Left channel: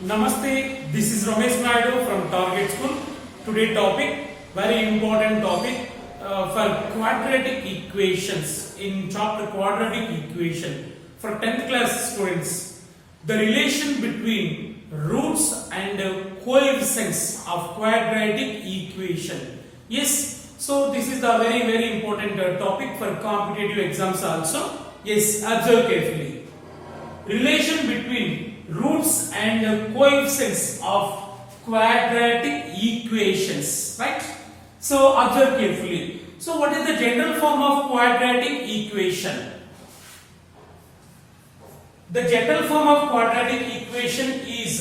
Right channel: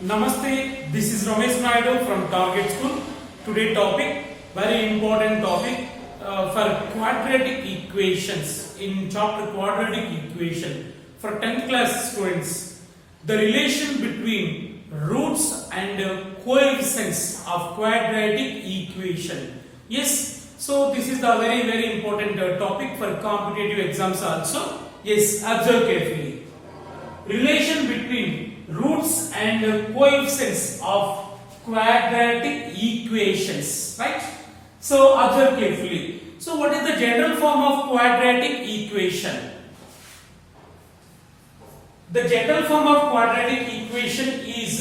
Namaste, this is Ramesh Naidu from Target School. Today topic, very important topic for quadratic equations in chapter quadratic equation for 10th class students. The relation between roots and coefficients of quadratic equation. Yes, so this is the very important topic for competitive exams also. Yes, observe carefully. Relation between roots and coefficients of quadratic equations, right? So observe carefully. So what is the general form of quadratic equation? The general form of quadratic equation is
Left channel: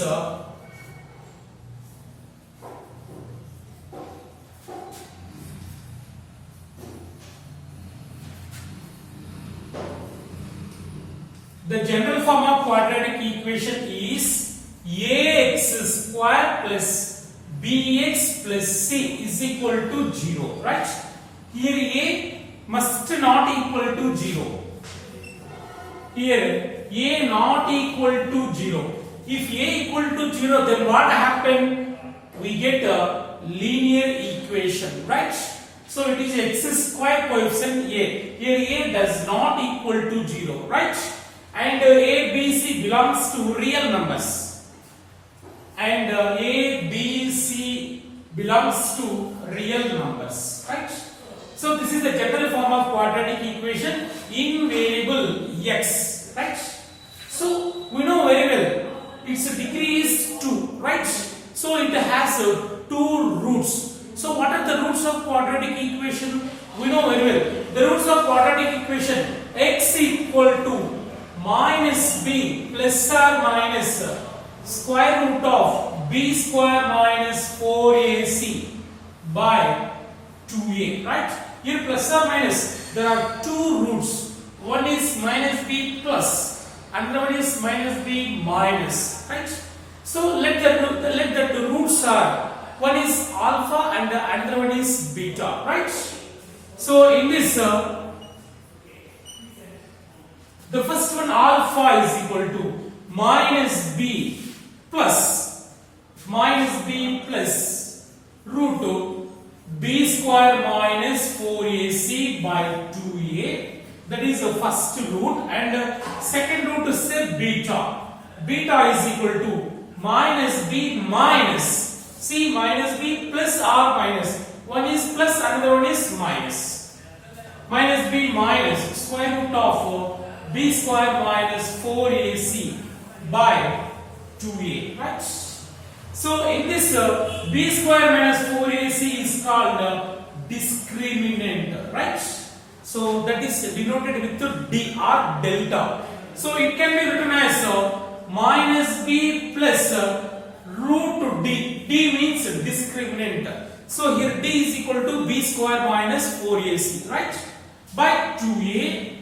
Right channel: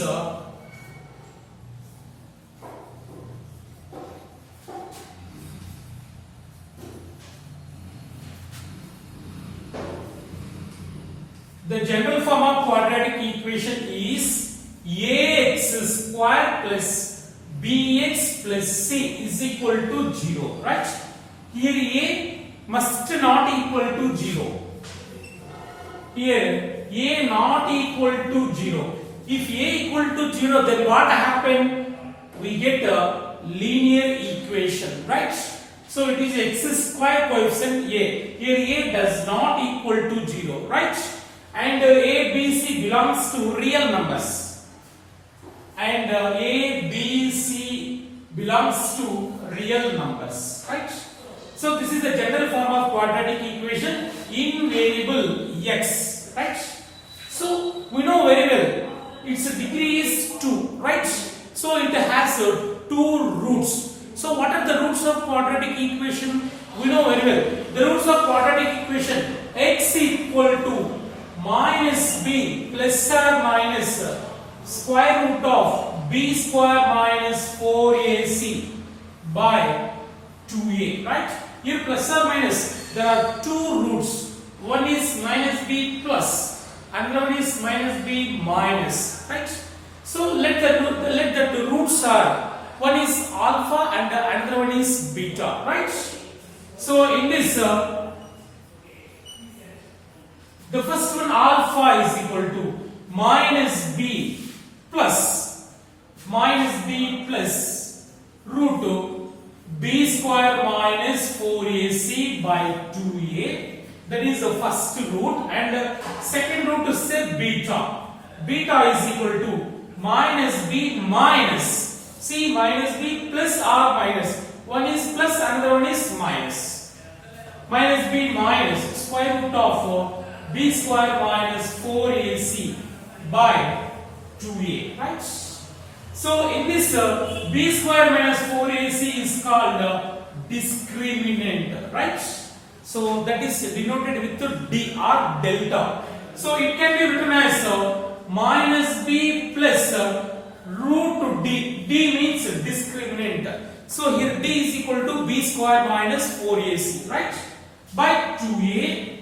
the general form of quadratic equation is ax square plus bx plus c is equal to 0, right? Here a must not equal to 0. Here a not equal to 0. If a equal to 0, then what happen? We get a linear equation, right? So it is x square coefficient a. Here a does not equal to 0, right? And a, b, c belongs to real numbers. And a, b, c belongs to real numbers, right? So this is the general form of quadratic equation in variable x, right? So we know very well its degree is 2, right? So it has 2 roots. So what are the roots of quadratic equation? We know very well. The roots of quadratic equation, x equal to minus b plus or minus square root of b square minus 4ac by 2a, right? Here plus or minus, there are 2 roots. One is minus b plus, another one is minus b minus, right? So let the roots are, one is alpha and the another one is beta, right? So in this the first one, alpha is equal to minus b plus root of b square minus 4ac by 2a. That is the first root. And second root is say beta. Beta is equal to minus b minus. See, minus b plus or minus. One is plus, another one is minus. Minus b minus square root of b square minus 4ac by 2a, right? So in this b square minus 4ac is called discriminant, right? So that is denoted with d or delta. So it can be written as minus b plus root d. D means discriminant. So here d is equal to b square minus 4ac, right? By 2a.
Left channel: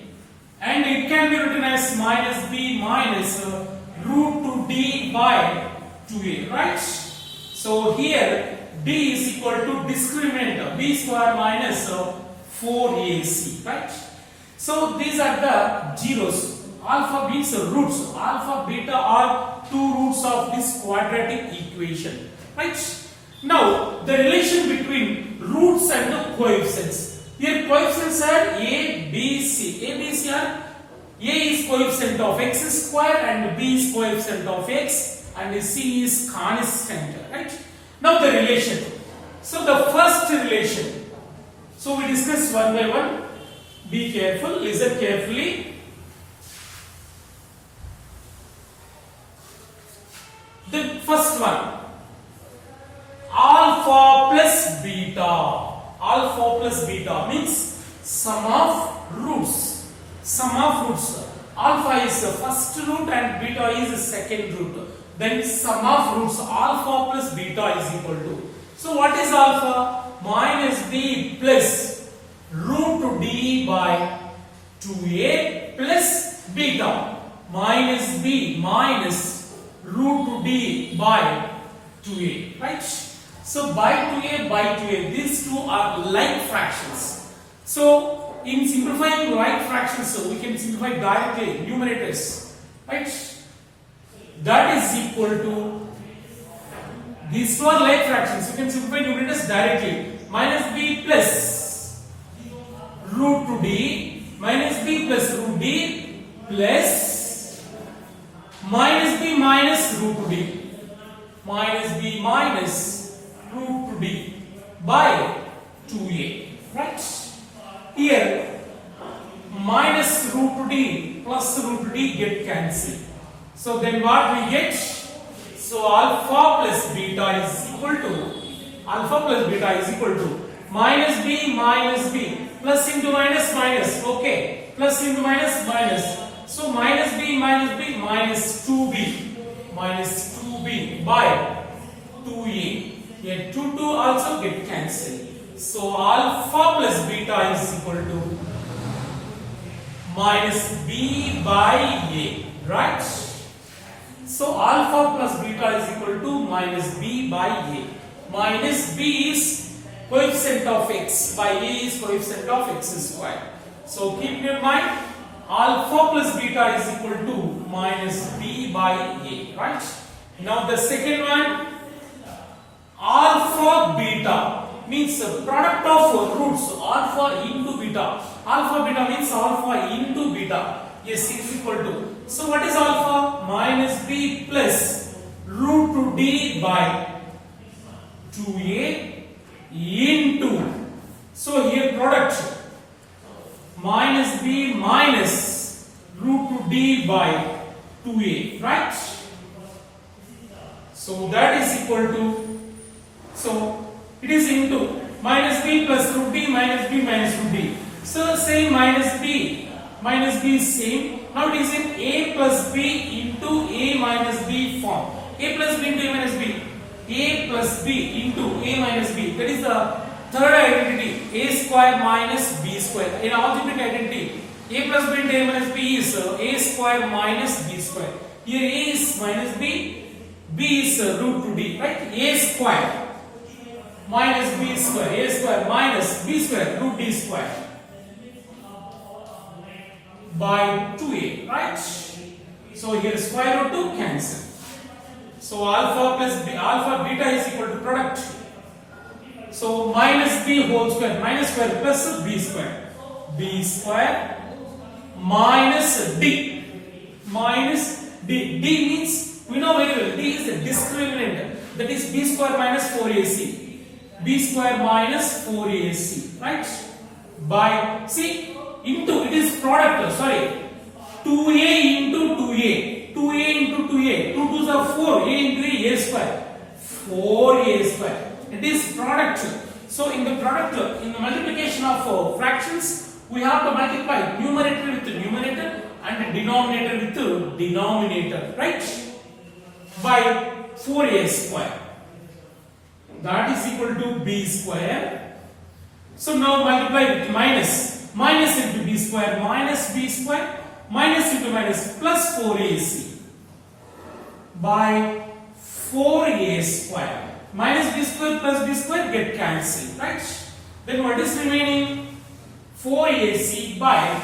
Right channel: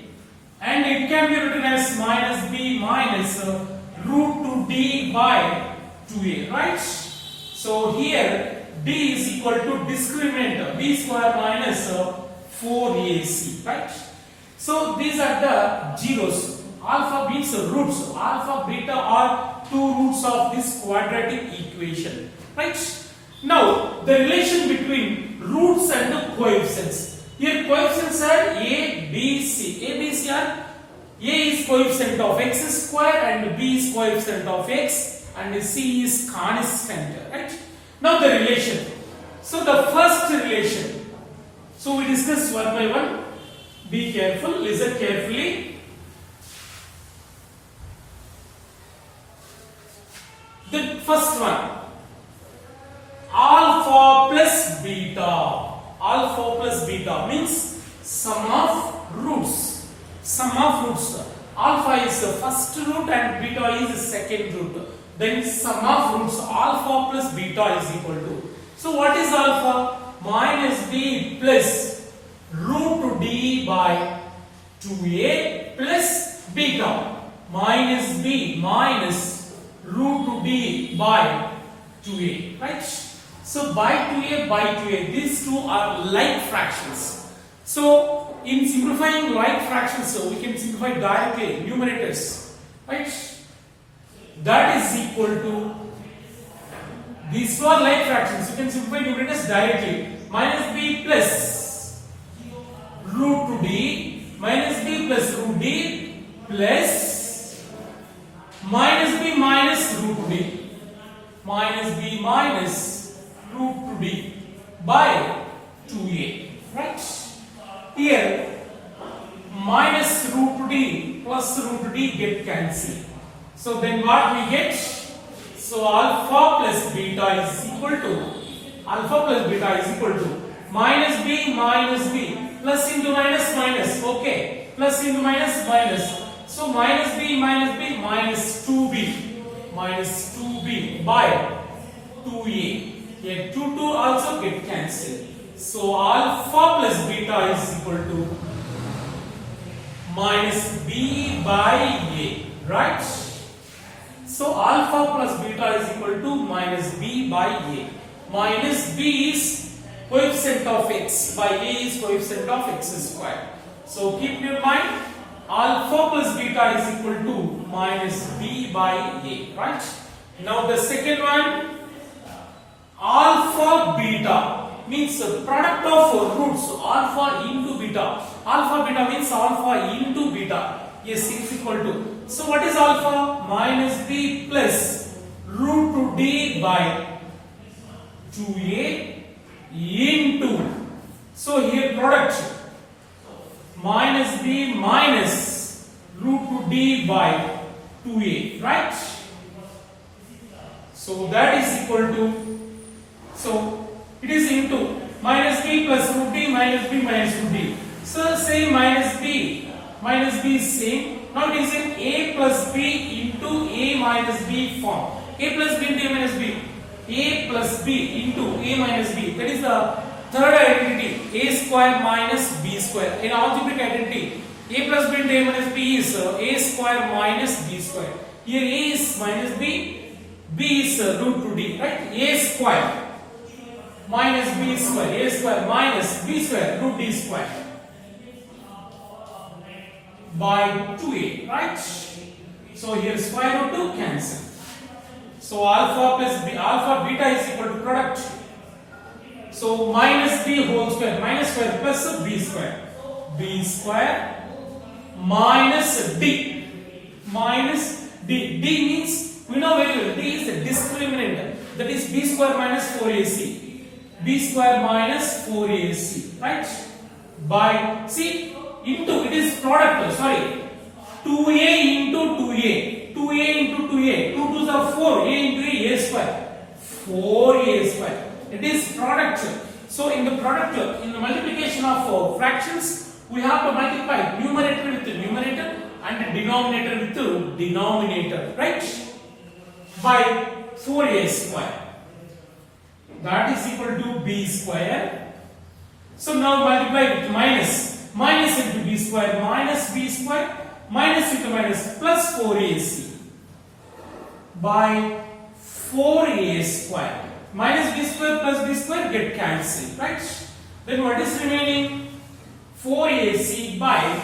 And it can be written as minus b minus root 2d by 2a, right? So here d is equal to discriminant b square minus 4ac, right? So these are the zeros. Alpha means roots. Alpha, beta are 2 roots of this quadratic equation, right? Now the relation between roots and the coefficients. Here coefficients are a, b, c. A, b, c are a is coefficient of x square and b is coefficient of x and c is constant, right? Now the relation. So the first relation. So we discuss one by one. Be careful, listen carefully. The first one, alpha plus beta. Alpha plus beta means sum of roots. Sum of roots. Alpha is the first root and beta is the second root. Then sum of roots alpha plus beta is equal to. So what is alpha? Minus b plus root d by 2a plus beta minus b minus root d by 2a, right? So by 2a, these two are like fractions. So in simplifying like fractions, we can simplify directly numerators, right? That is equal to These two are like fractions. You can simplify numerators directly. Minus b plus root 2d minus b plus root d plus minus b minus root 2d minus b minus root 2d by 2a. Right? Here minus root 2d plus root 2d get cancelled. So then what we get? So alpha plus beta is equal to minus b plus into minus, okay, plus into minus, so minus b minus 2b by 2a. Here 2 also get cancelled. So alpha plus beta is equal to minus b by a, right? So alpha plus beta is equal to minus b by a. Minus b is coefficient of x by a is coefficient of x squared. So keep in mind alpha plus beta is equal to minus b by a, right? Now the second one, alpha beta means the product of roots alpha into beta. Alpha beta means alpha into beta. Yes, is equal to. So what is alpha? Minus b plus root 2d by 2a into. So here product minus b minus root 2d by 2a, right? So that is equal to. So it is into minus b plus root d minus b minus root d. So same minus b is same. Now it is in a plus b into a minus b form. A plus b into a minus b. A plus b into a minus b. That is the third identity. A square minus b square. In algebraic identity, a plus b into a minus b is a square minus b square. Here a is minus b. B is root 2d, right? A square minus b square. A square minus b square root d square by 2a, right? So here square root 2 cancel. So alpha plus b, alpha beta is equal to product. So minus b whole square, minus square plus b square. B square minus d. Minus d. D means we know very well. D is a discriminant. That is b square minus 4ac. B square minus 4ac, right? By see. Into it is product, sorry, 2a into 2a, 2a into 2a, 2 2s are 4, a into a square, 4a square. It is product. So in the product, in the multiplication of fractions, we have to multiply numerator with numerator and denominator with denominator, right? By 4a square. That is equal to b square. So now multiply with minus. Minus into b square minus minus into minus plus 4ac by 4a square. Minus b square plus b square get cancelled, right? Then what is remaining? 4ac by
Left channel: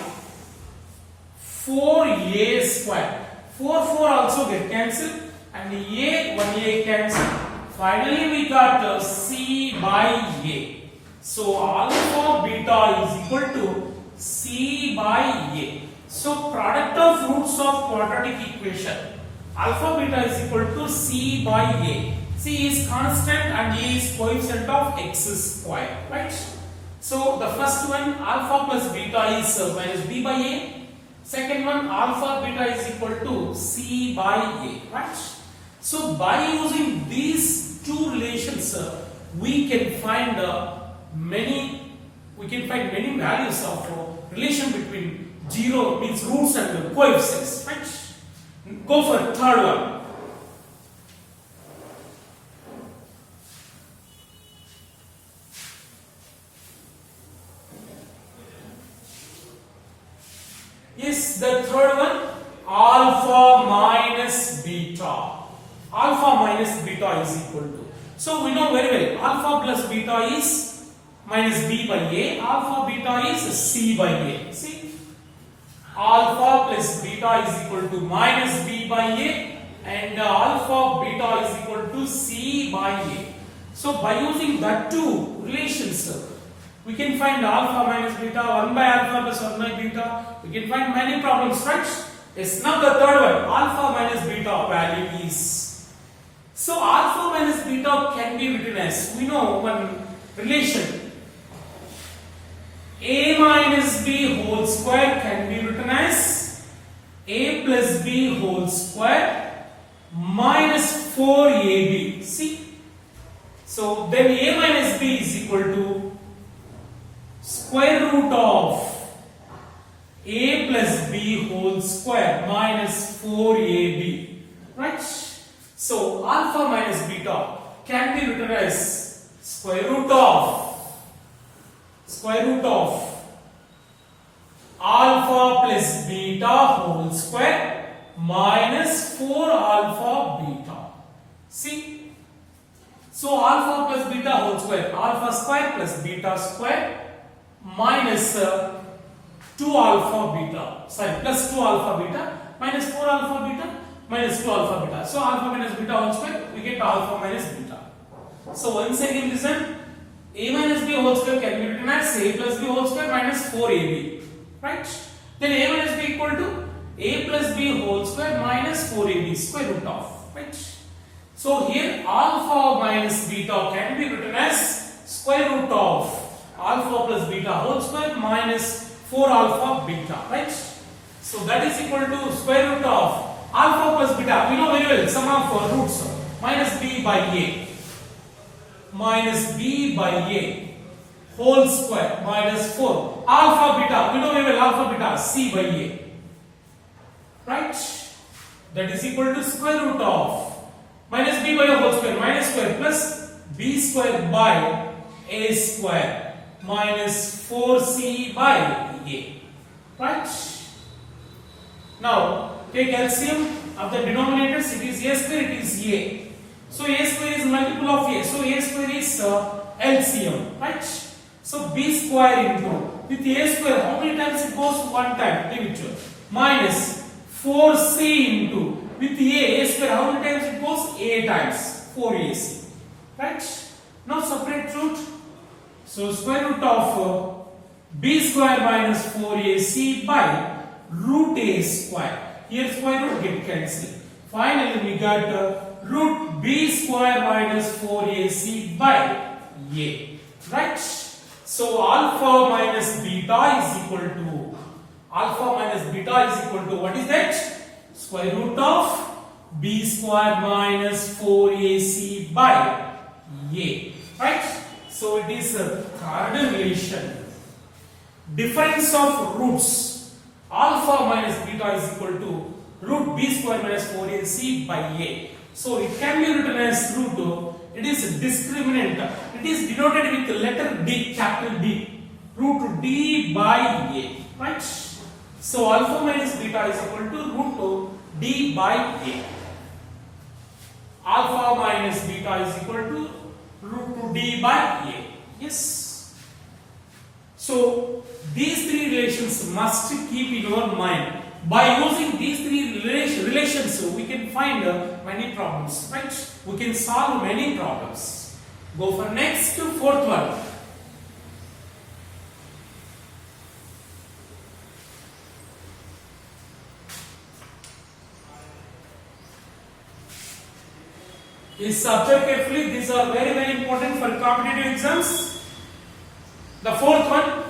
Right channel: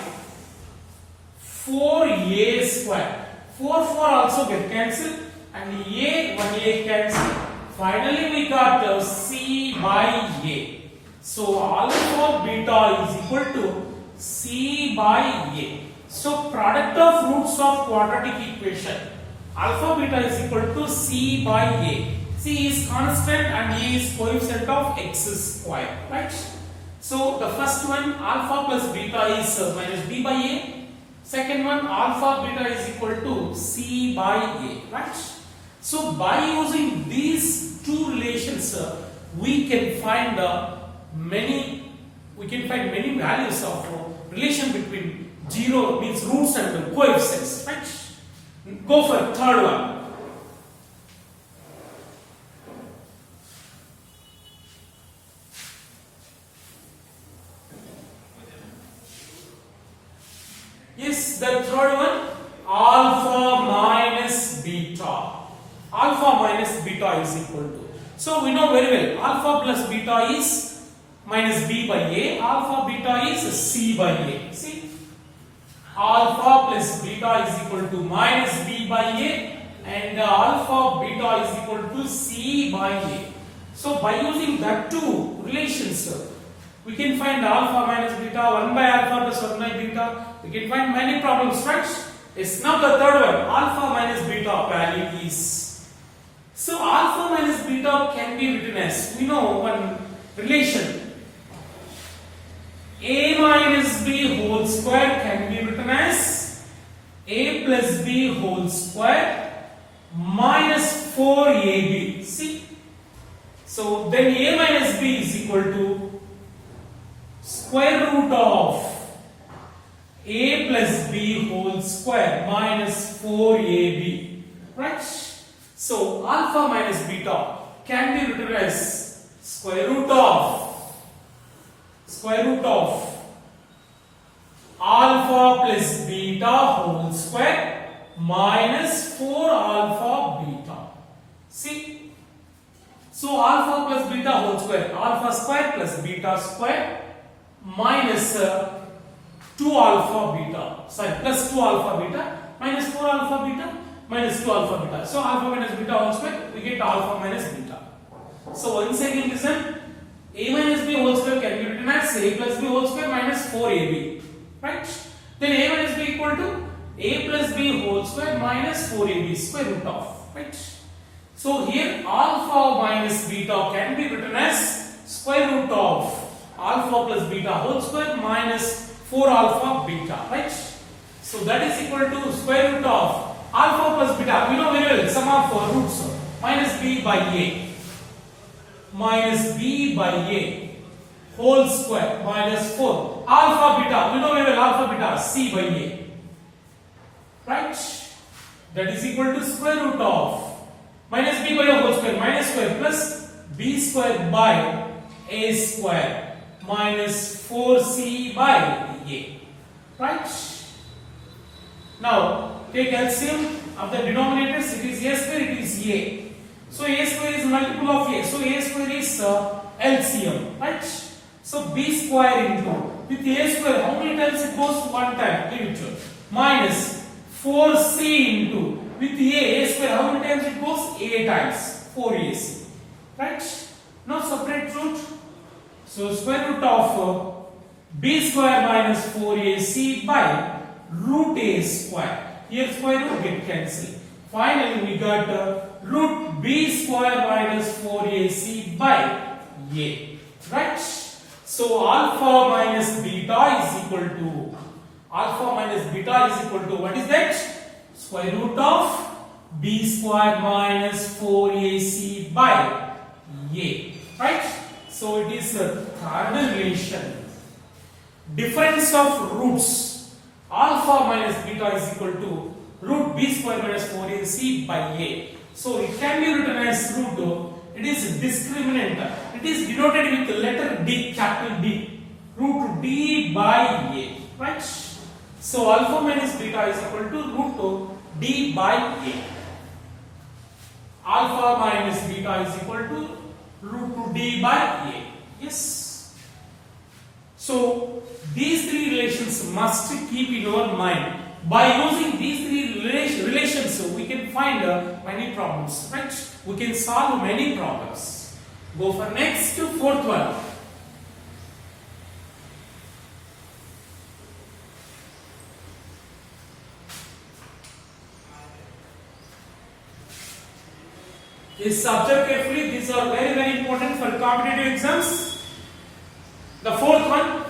4a square. 4 also get cancelled and a 1a cancelled. Finally we got c by a. So alpha beta is equal to c by a. So product of roots of quadratic equation, alpha beta is equal to c by a. C is constant and a is coefficient of x square, right? So the first one, alpha plus beta is minus b by a. Second one, alpha beta is equal to c by a, right? So by using these two relations, we can find many values of relation between 0 means roots and coefficients, right? Go for third one. Is the third one alpha minus beta. Alpha minus beta is equal to. So we know very well alpha plus beta is minus b by a. Alpha beta is c by a. See, alpha plus beta is equal to minus b by a and alpha beta is equal to C by A. So by using that two relations, we can find alpha minus beta, 1 by alpha plus 1 by beta. We can find many problems, right? Yes, now the third one, alpha minus beta value is. So alpha minus beta can be written as, we know one relation, A minus B whole square can be written as A plus B whole square minus 4AB. See? So then A minus B is equal to square root of A plus B whole square minus 4AB. Right? So alpha minus beta can be written as square root of alpha plus beta whole square minus 4 alpha beta. See? So alpha plus beta whole square, alpha square plus beta square minus 2 alpha beta, sorry, plus 2 alpha beta minus 4 alpha beta minus 2 alpha beta. So alpha minus beta whole square, we get alpha minus beta. So once again listen, A minus B whole square can be written as A plus B whole square minus 4AB. Right? Then A minus B equal to A plus B whole square minus 4AB square root of. Right? So here alpha minus beta can be written as square root of alpha plus beta whole square minus 4 alpha beta. Right? So that is equal to square root of alpha plus beta. We know very well sum of roots minus B by A. Minus B by A whole square minus 4 alpha beta, we know very well alpha beta, C by A, right? That is equal to square root of minus B by A whole square minus square plus B square by A square minus 4C by A, right? Now take LCM of the denominators, it is A square, it is A. So A square is multiple of A. So A square is LCM, right? So B square into, with A square, how many times it goes? One time, give it minus 4C into, with A square, how many times it goes? A times, 4AC, right? Now separate root. So square root of B square minus 4AC by root A square. Here square root get cancelled. Finally we got root B square minus 4AC by A, right? So alpha minus beta is equal to, what is that? Square root of B square minus 4AC by A, right? So it is a third relation. Difference of roots, alpha minus beta is equal to root B square minus 4AC by A. So it can be written as root, it is discriminant. It is denoted with the letter D, capital D. Root D by A, right? So alpha minus beta is equal to root D by A. Alpha minus beta is equal to root D by A. Yes. So these three relations must keep in your mind. By using these three relations, we can find many problems, right? We can solve many problems. Go for next, fourth one. This subject carefully. These are very, very important for competitive exams. The fourth one.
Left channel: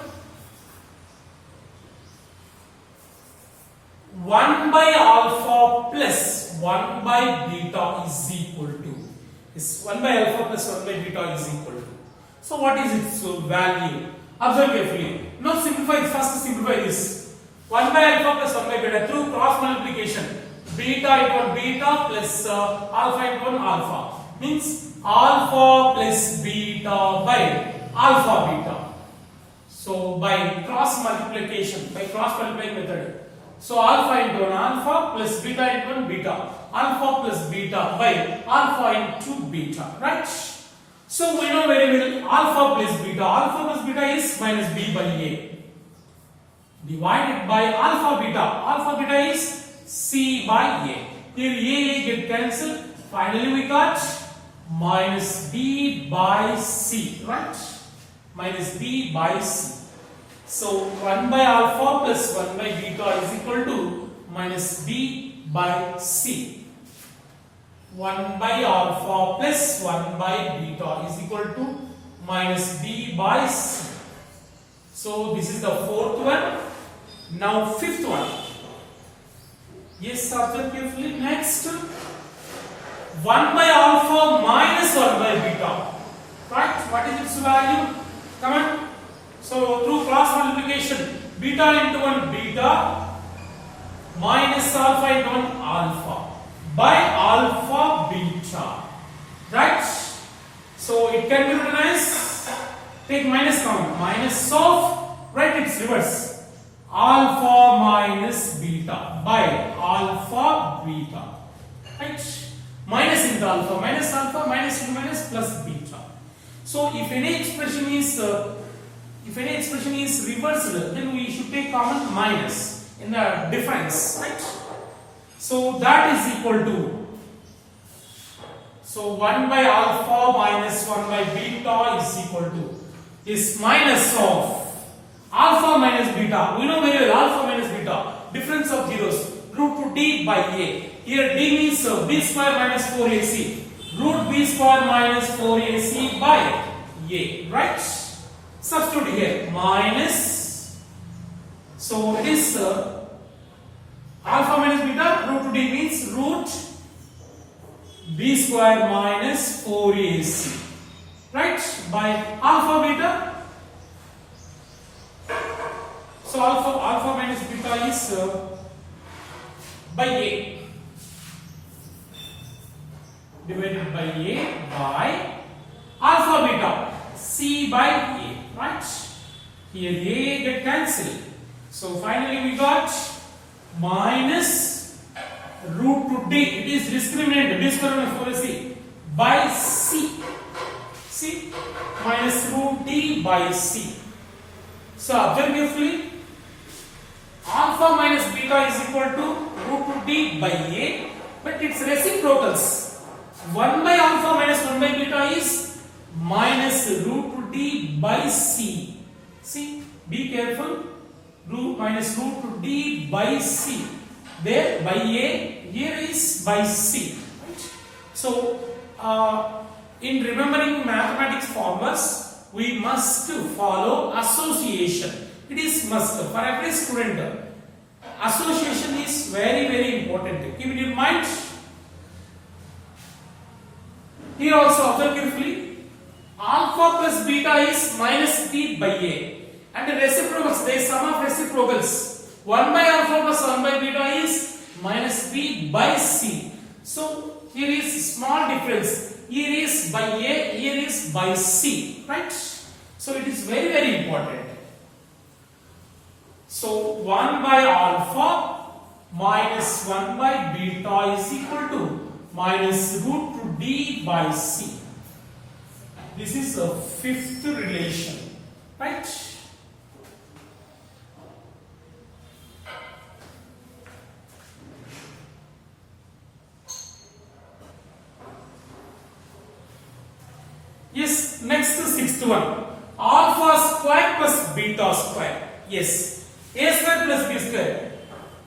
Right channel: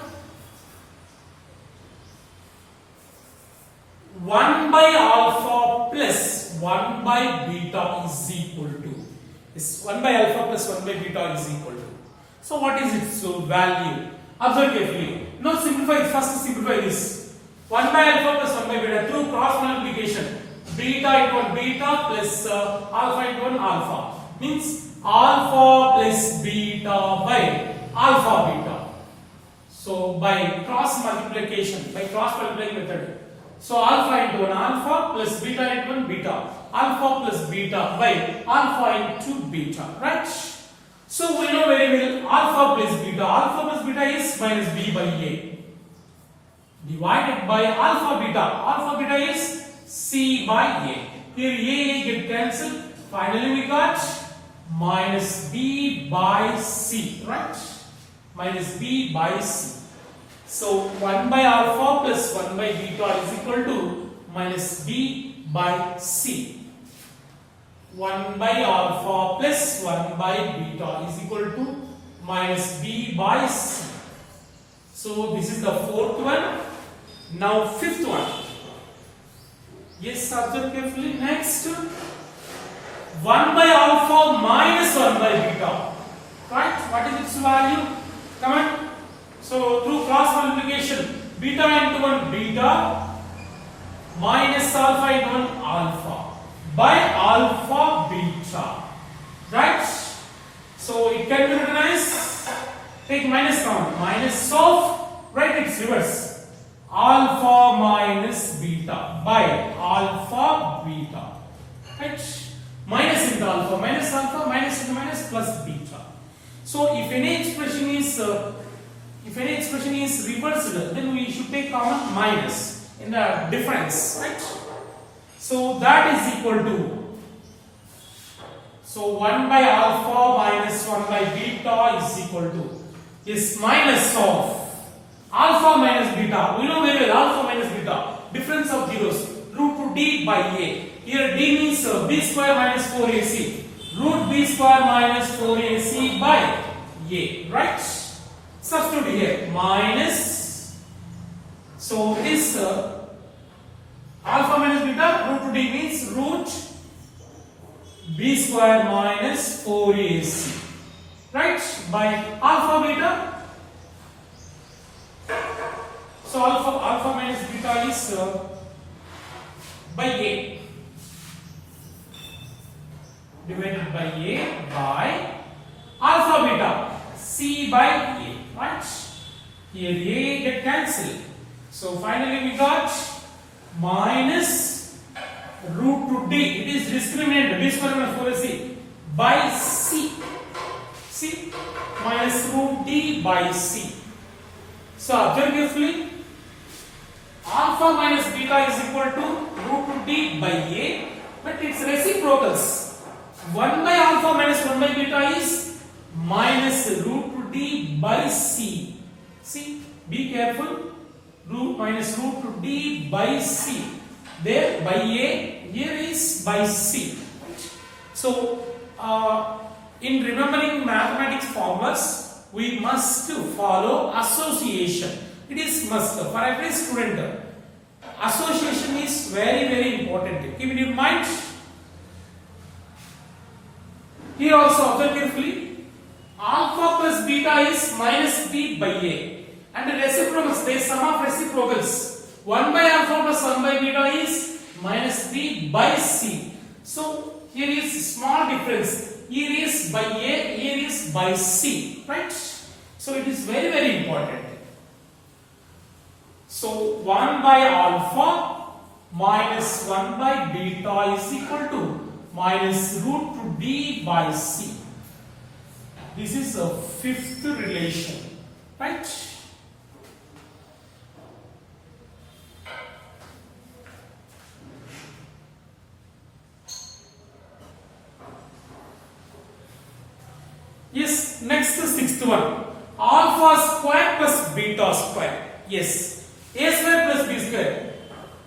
1 by alpha plus 1 by beta is equal to. Is 1 by alpha plus 1 by beta is equal to. So what is its value? Observe carefully. Now simplify. First simplify this. 1 by alpha plus 1 by beta through cross multiplication. Beta into 1 beta plus alpha into 1 alpha. Means alpha plus beta by alpha beta. So by cross multiplication, by cross multiplying method. So alpha into 1 alpha plus beta into 1 beta. Alpha plus beta by alpha into beta, right? So we know very well alpha plus beta. Alpha plus beta is minus B by A. Divided by alpha beta. Alpha beta is C by A. Here A get cancelled. Finally we got minus B by C, right? Minus B by C. So 1 by alpha plus 1 by beta is equal to minus B by C. 1 by alpha plus 1 by beta is equal to minus B by C. So this is the fourth one. Now fifth one. Yes, observe carefully. Next, 1 by alpha minus 1 by beta. Right? What is its value? Come on. So through cross multiplication, beta into 1 beta minus alpha into 1 alpha by alpha beta. Right? So it can be written as, take minus common, minus of, right, it's reverse. Alpha minus beta by alpha beta. Right? Minus into alpha, minus into minus plus beta. So if any expression is reversed, then we should take common minus in the difference. Right? So that is equal to, so 1 by alpha minus 1 by beta is equal to, is minus of alpha minus beta. We know very well alpha minus beta. Difference of zeros. Root to d by a. Here d means b square minus 4ac. Root b square minus 4ac by a. Right? Substitute here. Minus. So it is alpha minus beta. Root to d means root b square minus 4ac. Right? By alpha beta. So alpha minus beta is by a, divided by a by alpha beta c by a, right? Here a get cancelled. So finally we got minus root to d. It is discriminated b square minus 4ac by c. C minus root d by c. So observe carefully. Alpha minus beta is equal to root to d by a, but its reciprocals. 1 by alpha minus 1 by beta is minus root to d by c. See, be careful. Minus root to d by c. There by a, here is by c. Right? So, in remembering mathematics formulas, we must follow association. It is must. For every student, association is very important. Keep it in mind. Here also observe carefully. Alpha plus beta is minus b by a. And the reciprocals, there is sum of reciprocals. 1 by alpha plus 1 by beta is minus b by c. So here is small difference. Here is by a, here is by c. Right? So it is very important. So 1 by alpha minus 1 by beta is equal to minus root to d by c. This is a fifth relation, right? Yes, next the sixth one. Alpha square plus beta square. Yes. A square plus b square.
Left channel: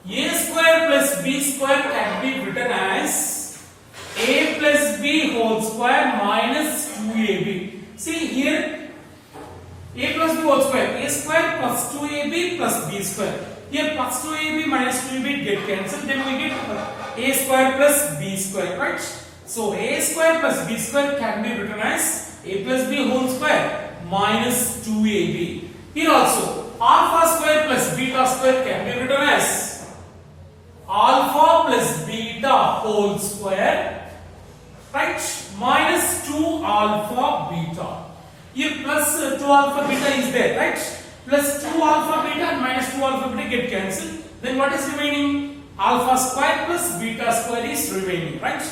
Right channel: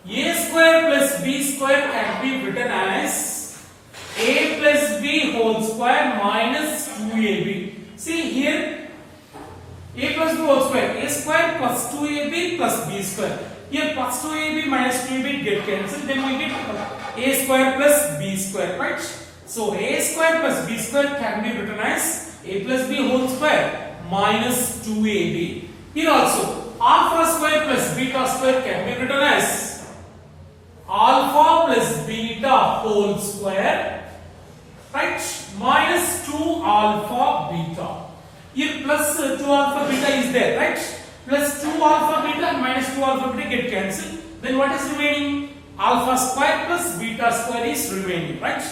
A square plus b square can be written as a plus b whole square minus 2ab. See here, a plus b whole square. A square plus 2ab plus b square. Here plus 2ab minus 2ab get cancelled. Then we get a square plus b square, right? So a square plus b square can be written as a plus b whole square minus 2ab. Here also, alpha square plus beta square can be written as alpha plus beta whole square, right, minus 2 alpha beta. Here plus 2 alpha beta is there, right? Plus 2 alpha beta and minus 2 alpha beta get cancelled. Then what is remaining? Alpha square plus beta square is remaining, right?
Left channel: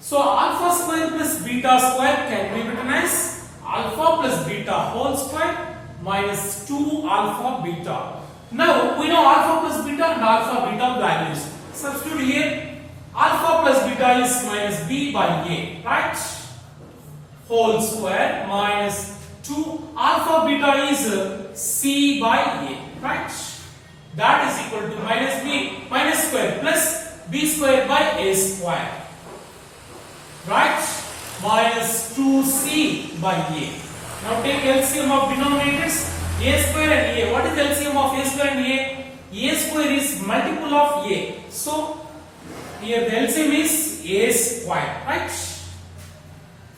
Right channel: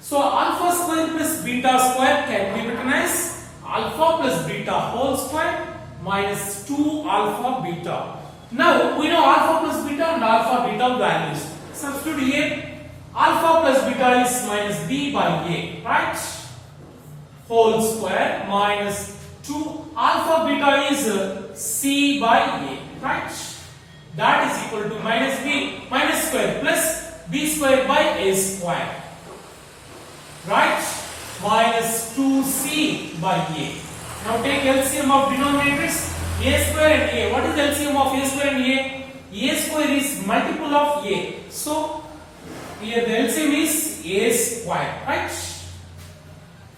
So alpha square plus beta square can be written as alpha plus beta whole square minus 2 alpha beta. Now we know alpha plus beta and alpha beta values. Substitute here alpha plus beta is minus b by a, right? Whole square minus 2 alpha beta is c by a, right? That is equal to minus b minus square plus b square by a square, right? Minus 2c by a. Now take LCM of denominators a square and a. What is LCM of a square and a? A square is multiple of a. So here the LCM is a square, right?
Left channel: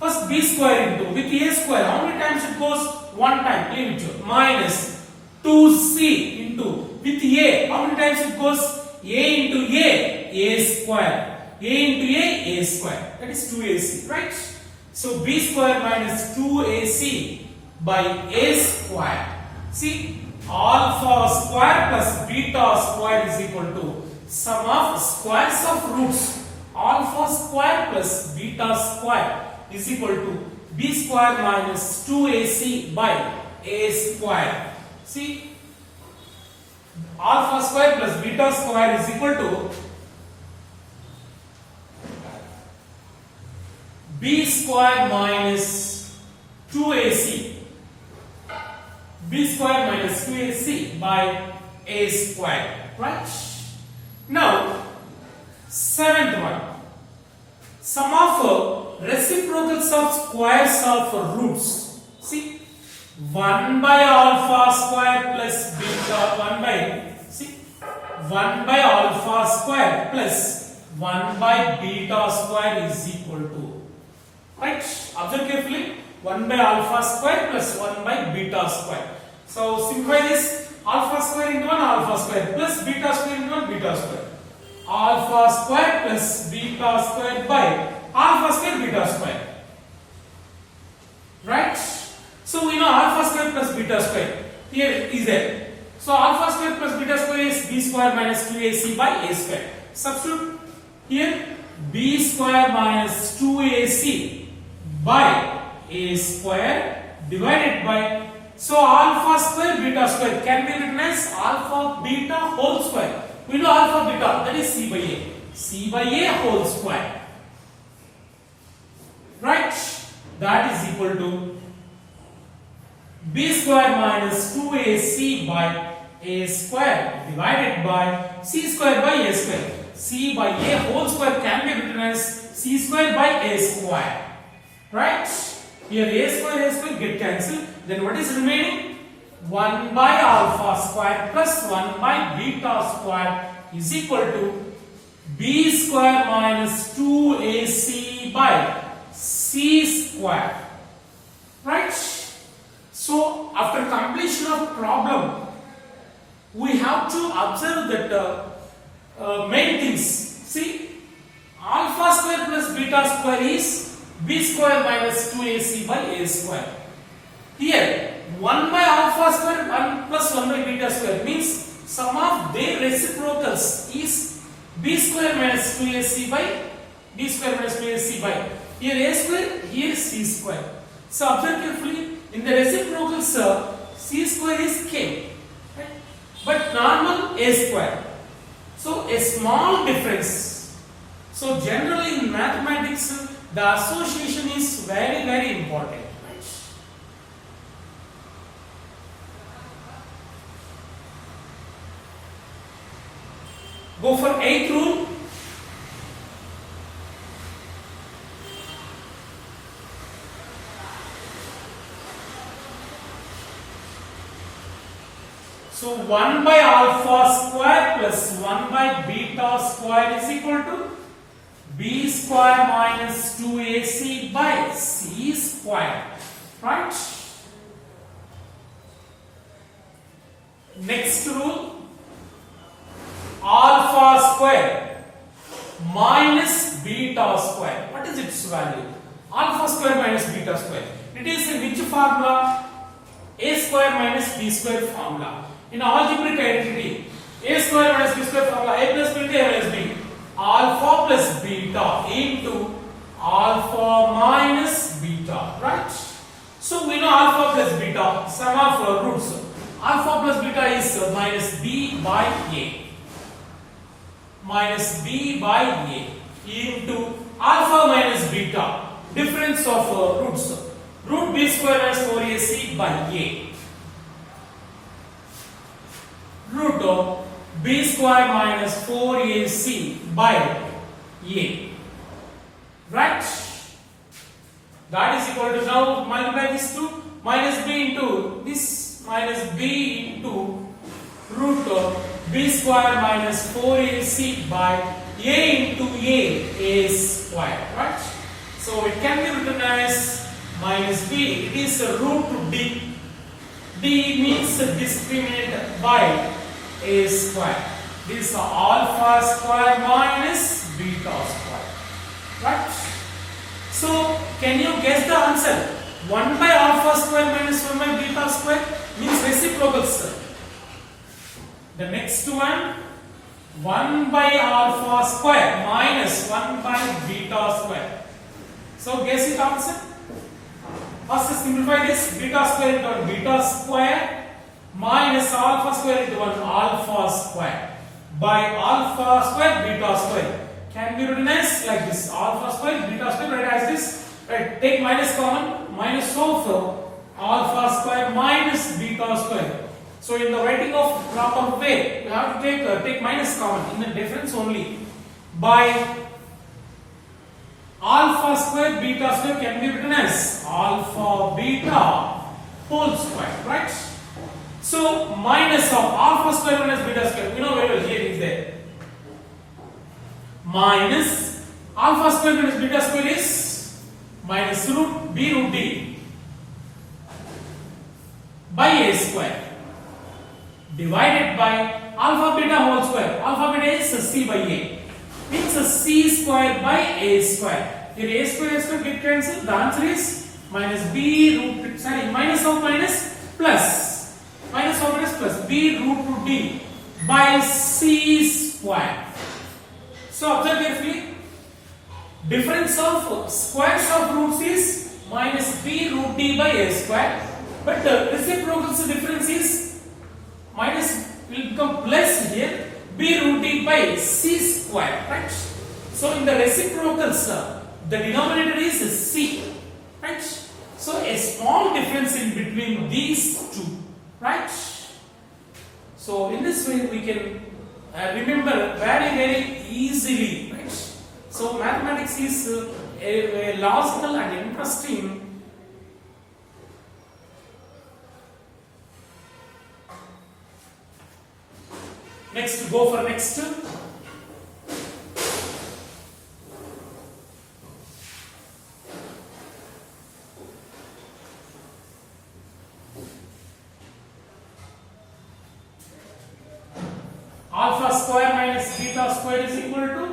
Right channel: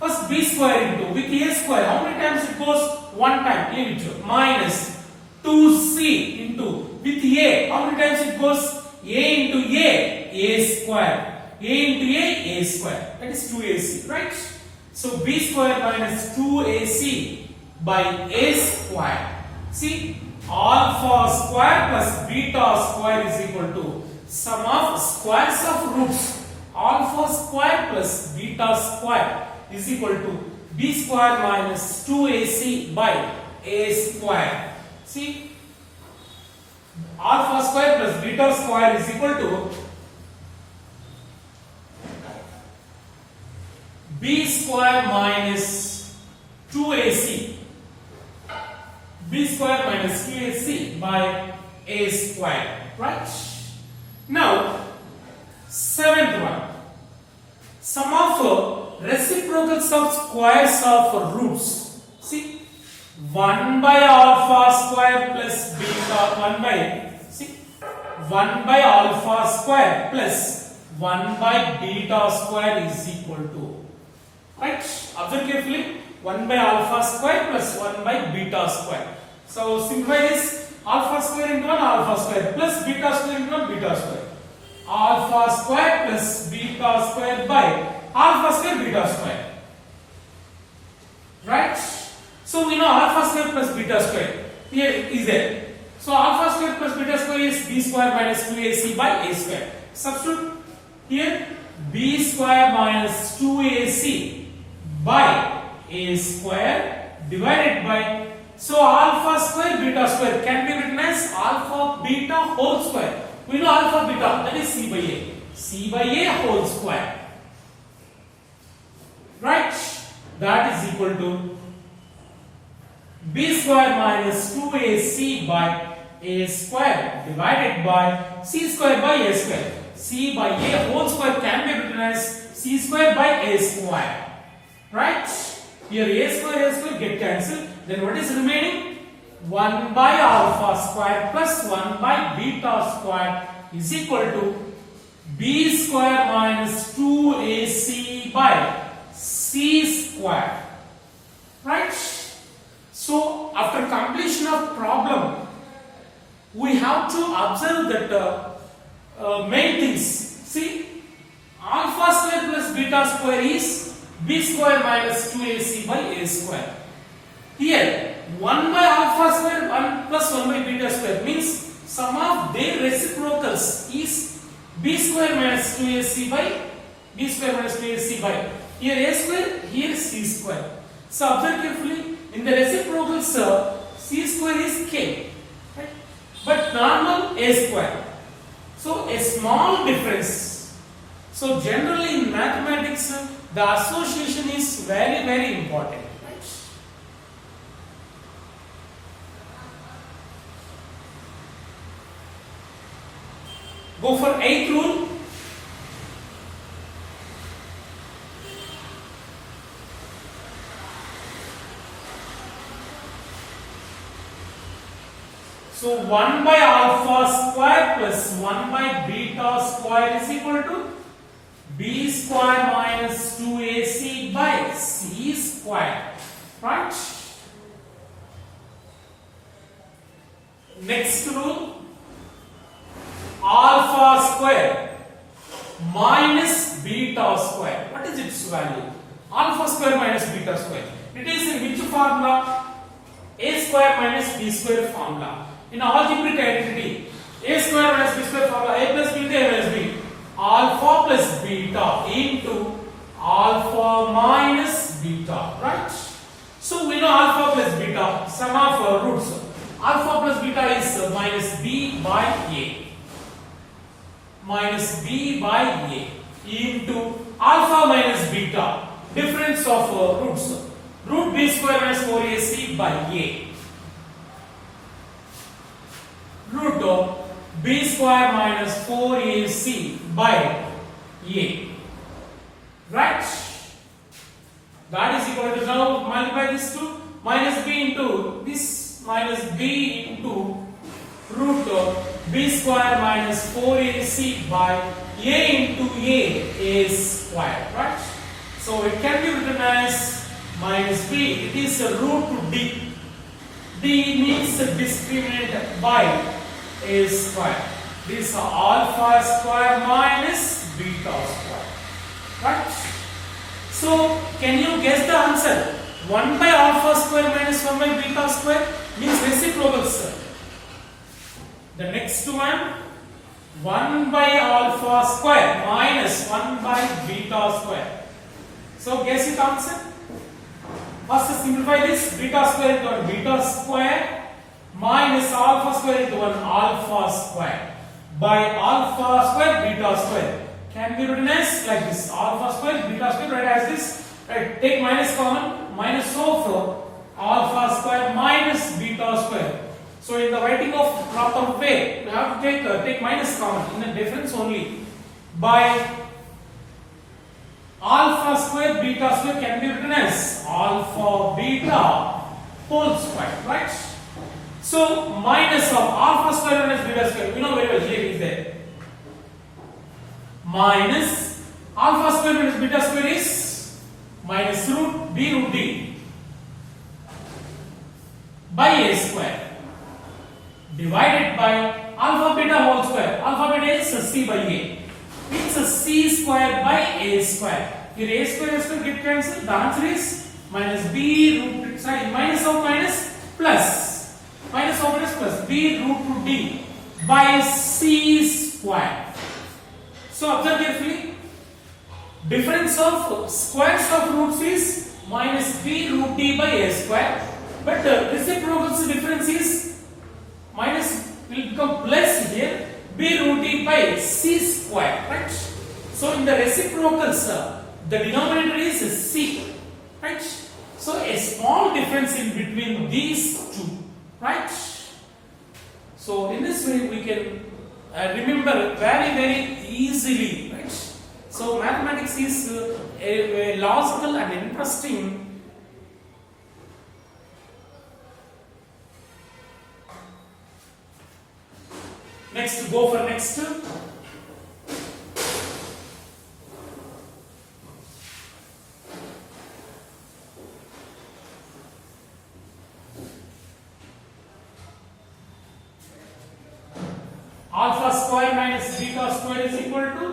First b square into with a square. How many times it goes? One time. Into minus 2c into with a. How many times it goes? A into a square. A into a square. That is 2ac, right? So b square minus 2ac by a square. See, alpha square plus beta square is equal to sum of squares of roots. Alpha square plus beta square is equal to b square minus 2ac by a square. See, alpha square plus beta square is equal to b square minus 2ac. b square minus 2ac by a square, right? Now, seventh one. Sum of reciprocals of squares of roots. See, 1 by alpha square plus beta 1 by alpha square plus 1 by beta square is equal to, right? Observe carefully. 1 by alpha square plus 1 by beta square. So simplify this. Alpha square into 1 alpha square plus beta square into 1 beta square. Alpha square plus beta square by alpha square beta square. Right? So we know alpha square plus beta square. Here is there. So alpha square plus beta square is b square minus 2ac by a square. Substitute here b square minus 2ac by a square divided by, so alpha square beta square can be written as alpha beta whole square. We know alpha beta, that is c by a. C by a whole square. Right? That is equal to b square minus 2ac by a square divided by c square by a square. C by a whole square can be written as c square by a square. Right? Here a square get cancelled. Then what is remaining? 1 by alpha square plus 1 by beta square is equal to b square minus 2ac by c square. Right? So after completion of problem, we have to observe that main things. See, alpha square plus beta square is b square minus 2ac by a square. Here 1 by alpha square 1 plus 1 by beta square means sum of their reciprocals is b square minus 2ac by b square minus 2ac by here a square, here c square. So observe carefully, in the reciprocals c square is k, right? But normal a square. So a small difference. So generally in mathematics the association is very, very important. Right? Go for 8th rule. So 1 by alpha square plus 1 by beta square is equal to b square minus 2ac by c square. Right? Next rule, alpha square minus beta square. What is its value? Alpha square minus beta square. It is in which formula? A square minus b square formula. In algebraic identity, a square minus b square formula, a plus beta minus b. Alpha plus beta into alpha minus beta, right? So we know alpha plus beta, sum of roots. Alpha plus beta is minus b by a. Minus b by a into alpha minus beta, difference of roots. Root b square minus 4ac by a. Root of b square minus 4ac by a. Right? That is equal to, now multiply this to minus b into this minus b into root of b square minus 4ac by a into a square. Right? So it can be written as minus b. It is a root to d. D means discriminant by a square. This is alpha square minus beta square. Right? So can you guess the answer? 1 by alpha square minus 1 by beta square means reciprocals. The next one, 1 by alpha square minus 1 by beta square. So guess it answer. First simplify this, beta square into 1 beta square minus alpha square into 1 alpha square by alpha square beta square. Can be written as like this, alpha square beta square, right, as this. Right, take minus common, minus of alpha square minus beta square. So in the writing of proper way, we have to take minus common in the difference only. By alpha square beta square can be written as alpha beta whole square, right? So minus of alpha square minus beta square, we know very well, here is there. Minus alpha square minus beta square is minus root b root d by a square divided by alpha beta whole square. Alpha beta is c by a. It's a c square by a square. Here a square get cancelled. The answer is minus b root, sorry, minus of minus plus. Minus of minus plus b root to d by c square. So observe carefully. Difference of squares of roots is minus b root d by a square. But the reciprocal difference is minus will become plus here, b root d by c square, right? So in the reciprocals, the denominator is c, right? So a small difference in between these two, right? So in this way we can remember very easily, right? So mathematics is a logical and interesting. Next, go for next. Alpha square minus beta square is equal to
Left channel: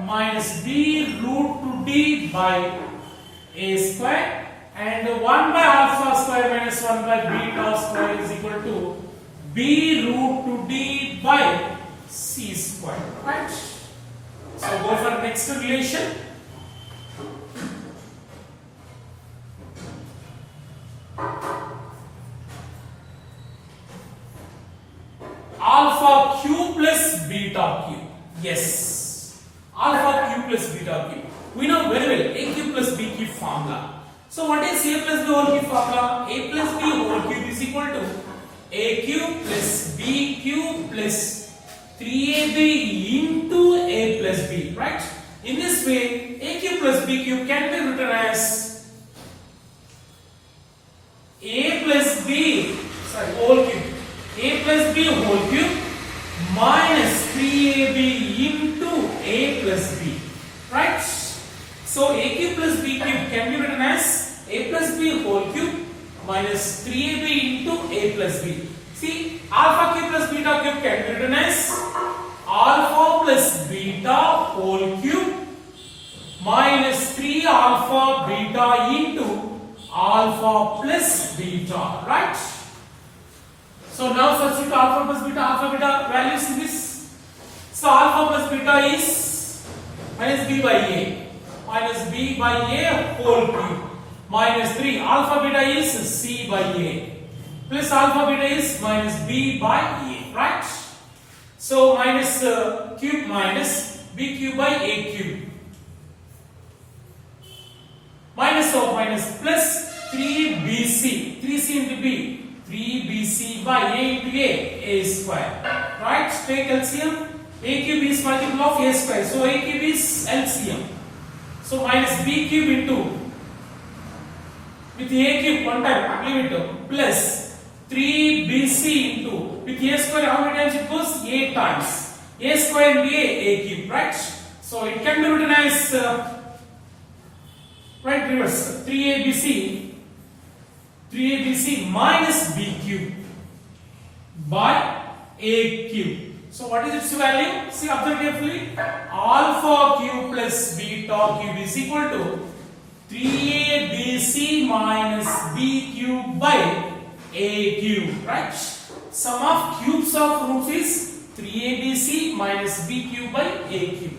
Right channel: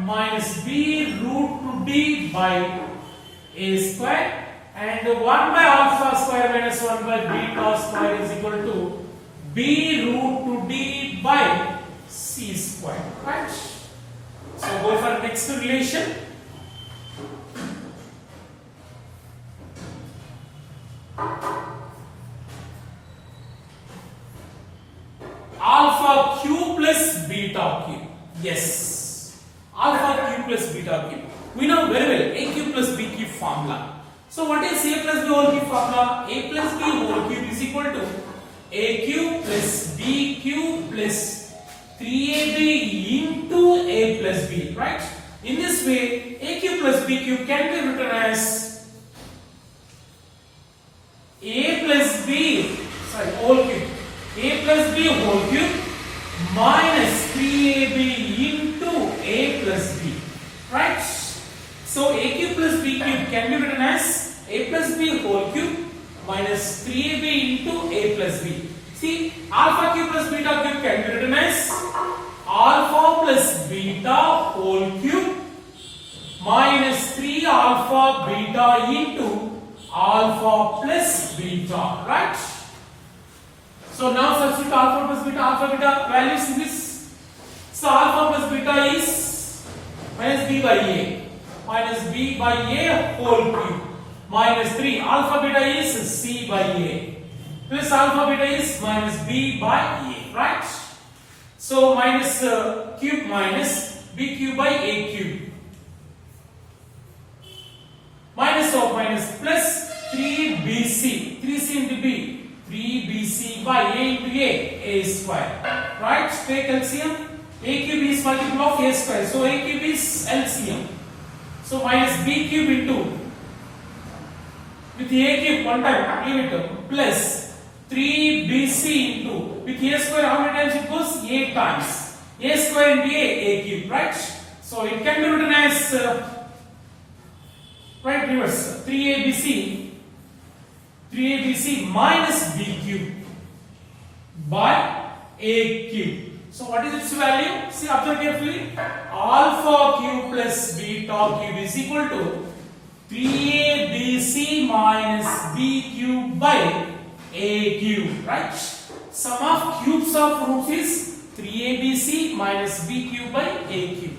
minus b root to d by a square, and 1 by alpha square minus 1 by beta square is equal to b root to d by c square, right? So go for the next relation. Alpha cube plus beta cube. Yes, alpha cube plus beta cube. We know very well a cube plus b cube formula. So what is a plus b whole cube formula? A plus b whole cube is equal to a cube plus b cube plus 3ab into a plus b, right? In this way, a cube plus b cube can be written as a plus b, sorry, whole cube, a plus b whole cube minus 3ab into a plus b, right? So a cube plus b cube can be written as a plus b whole cube minus 3ab into a plus b. See, alpha cube plus beta cube can be written as alpha plus beta whole cube minus 3 alpha beta into alpha plus beta, right? So now substitute alpha plus beta values in this. So alpha plus beta is minus b by a whole cube minus 3 alpha beta is c by a plus alpha beta is minus b by a, right? So minus cube minus b cube by a cube minus plus 3bc, 3c into b, 3bc by a into a square. Right? Take LCM. A cube is multiple of a square. So a cube is LCM. So minus b cube into, with a cube one time, leave it, plus 3bc into, with a square how many times it goes? 8 times. A square into a cube, right? So it can be written as, right, reverse, 3abc minus b cube by a cube. So what is its value? See, observe carefully. Alpha cube plus beta cube is equal to 3abc minus b cube by a cube, right? Sum of cubes of roots is 3abc minus b cube by a cube.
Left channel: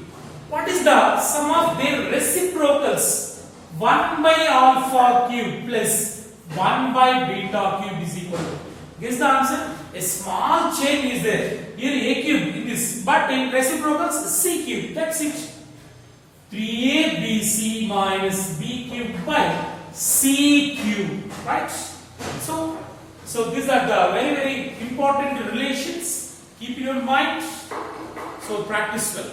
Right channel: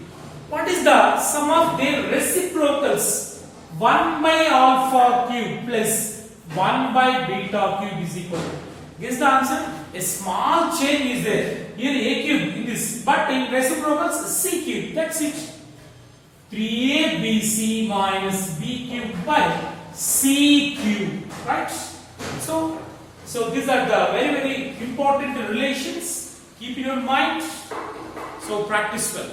What is the sum of their reciprocals? 1 by alpha cube plus 1 by beta cube is equal to. Guess the answer? A small change is there. Here a cube in this, but in reciprocals c cube. That's it. 3abc minus b cube by c cube. Right? So these are the very important relations. Keep in your mind. So practice well.